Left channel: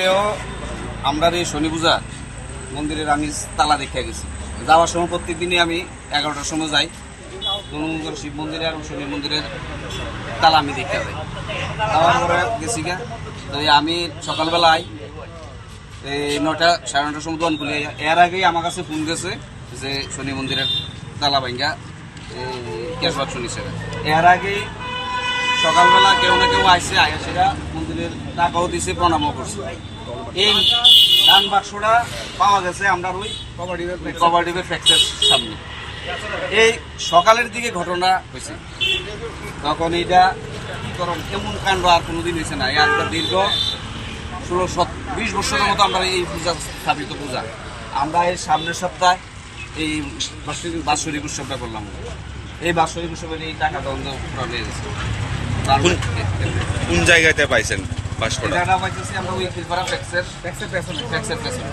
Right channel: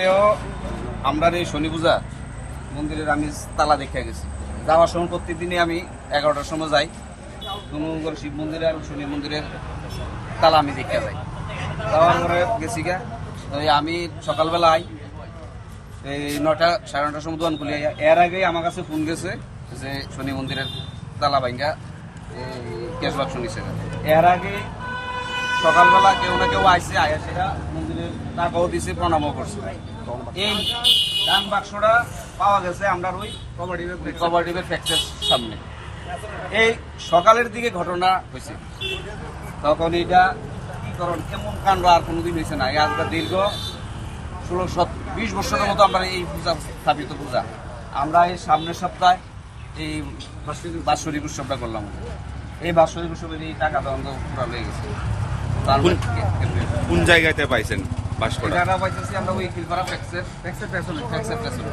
আজকেও আমরা এই শনি পূজার মন্দিরের আমি তালা দেখে গেছি। যাওয়ার সময় প্রত্যেকদিনই আমি 11টার সময় যাই ধনুগর শিব মন্দিরে আর শনি মন্দিরের তালা আমি দেখতে যাই। যাওয়ার পরে গেছি গা তো আমি সকালবেলায় এই 9টা সাড়ে 9টার সময় দোকান খুলে এর আগেই আমার কাছে ফোন গেছে যে শনি মন্দিরের তালা ভাঙ্গা ক্যাশ বাক্স নিচ্ছে। এর আগেই সকালবেলা কেউ না কেউ আইসে আয়া সেটা মন্দিরের টাকাও দিছে, প্রণামও করছে। এই ডান বাক্সটা পাওয়া গেছে আমরা ওই কভারডিপের ফ্যাক্টরির সামনে। এই সকালের দিকে ঘটনা হয়েছে, তখন এইটা কি করণ এমন কাণ্ড আর কোনোদিন হয়েছে না। আজকে দীর্ঘ 16-20 বছরের মতো আমরা এই পূজা স্থাপিত পূজা আমরা এই সামনের সপ্তাহে এই বাৎসরিক উৎসবটা করলাম। এই বাৎসরিক উৎসবের এই টাকা তখন তো পুরো লেগে গেছে। কোন জায়গাতে পাইছেন বাস্কটা? পাইতেছি আমরা ওই খিলপাড়া ফ্যাক্সের পেছনে।